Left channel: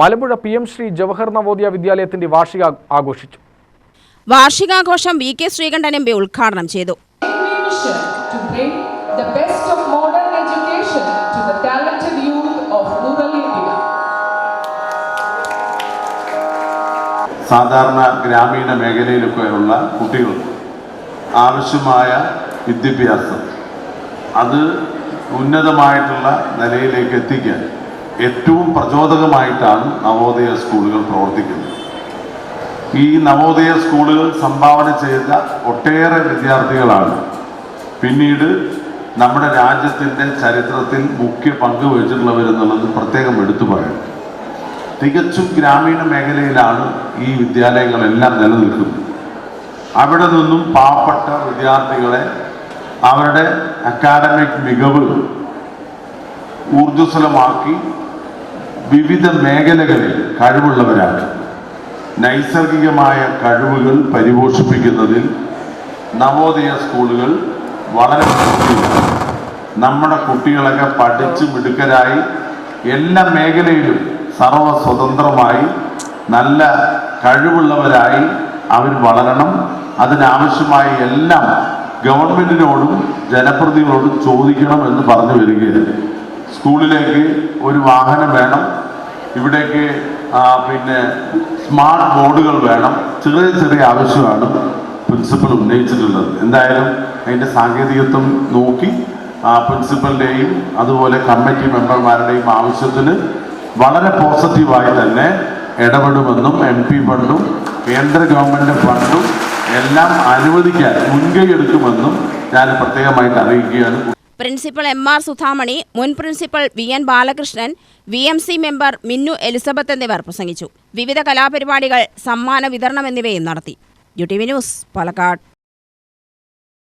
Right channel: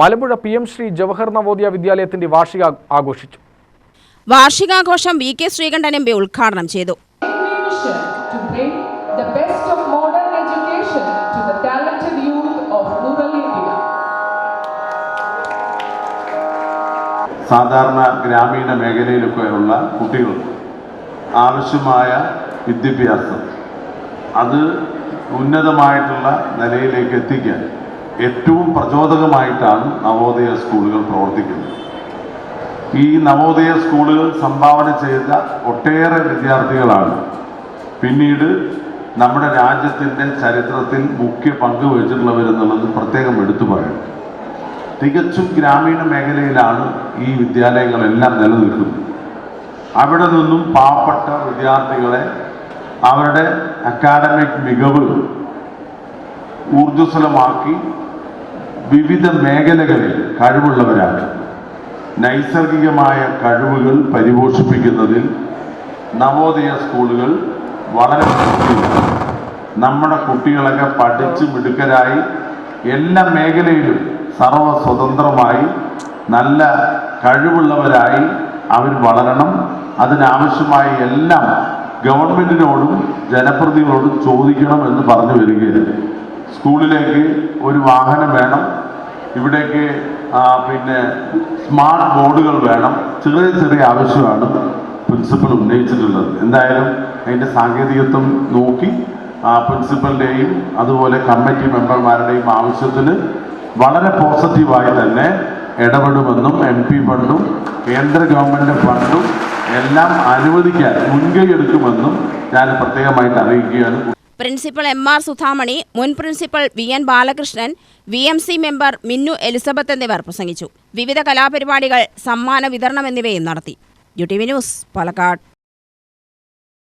Malampuzha PM Shri Jawahar Navodaya വിദ്യാലയത്തിന്റെ വാർഷിക ആഘോഷിച്ചു. വാർഷികാഘോഷം VK Sreekandan MP ഉദ്ഘാടനം ചെയ്തു. സാധാരണ ഗ്രാമീണ മേഖലയിലൊക്കെയുള്ള കുട്ടികൾക്ക് ആവശ്യമായ വിദ്യാഭ്യാസം അത് ഉന്നതമായിട്ടുള്ള നിലയിലേക്ക് എത്തിക്കാൻ ഏറ്റവും പ്രചോദകമായിട്ടാണ് നവോദയ സ്കൂളുകൾ പ്രവർത്തിക്കുന്നത്. ഈ നവോദയ സ്കൂളുകൾ സംഭാവന ചെയ്ത ഒട്ടേറെ വിദ്യാർത്ഥികളാണ് പിന്നീട് നമ്മുടെ രാജ്യത്തിൻ്റെ ചരിത്രത്തിൽ മുഖ്യ പങ്ക് വഹിച്ചിട്ടുള്ളവരെന്നുള്ളത് പ്രത്യേകം എടുത്തു പറയണം. തികച്ചും ഗ്രാമീണ മേഖലയിലാണ് ഈ വിദ്യാലയങ്ങളെല്ലാം നിലനിൽക്കുന്നത്. അവിടെ നിന്നും പാവപ്പെട്ട വിദ്യാർത്ഥികളെ അവരുടെ അക്കാഡമിക് മികവ് ഊർജ്ജസ്വലമാക്കി വിവിധ മേഖലകളിൽ കഴിവുള്ളവരാണ്. നൈസർഗികമായ കഴിവുകൾ പരിപോഷിപ്പിക്കുന്നതിൽ നവോദയ സ്കൂളുകൾ വളരെ നമ്മുടെ കുട്ടികളൊക്കെ പഠിച്ച് മിടുക്കരായി എല്ലാ മേഖലയിലും സർവസ്വതന്ത്രമായി നല്ല കഴിവുള്ളവരായി അവർ വളരണം. അതിനാവശ്യമായ എല്ലാം ഗവൺമെന്റിനോടും ജനപ്രതിനിധികളോടും ചോദിക്കണം എന്ന് പറഞ്ഞു വരികയാണ്. സ്കൂളിലേക്ക് ഒരു വാഹനം വേണം, ഇവിടേക്ക് പിന്നെ സ്മാർട്ട് ബോർഡുകൾ വേണം, ചെറിയ ചെറിയ ആവശ്യമാണ് പ്രിൻസിപ്പൽ ഉന്നയിച്ചിട്ടുള്ളത്. എന്തായാലും അതിൻ്റെ സാങ്കേതികത്വം നോക്കി പ്രിൻസിപ്പലിൻ്റെയും അതുപോലെ കമ്മിറ്റി മെമ്പർമാരുടെയും ആവശ്യത്തിന് വളരെ പോസിറ്റീവായി തന്നെ ഇടപെടുമെന്നും MP ഫണ്ടും കേന്ദ്ര ഗവൺമെൻറ് ഫണ്ടും എല്ലാം അനുവദിക്കാൻ മുൻകൈ എടുക്കുമെന്നും ഞാൻ പ്രത്യേകമായിട്ട് അറിയിക്കുകയാണ്. പ്രിൻസിപ്പൽ MR സുധാമണി, മുൻ principal VN Balakrishnan, VMC member Minnu Elizabeth എന്നിവർ പ്രസംഗിച്ചു. വിവിധ കലാപരിപാടികൾ, സമ്മാന വിതരണം എന്നിവയും നടത്തി. UTV news, Palakkad.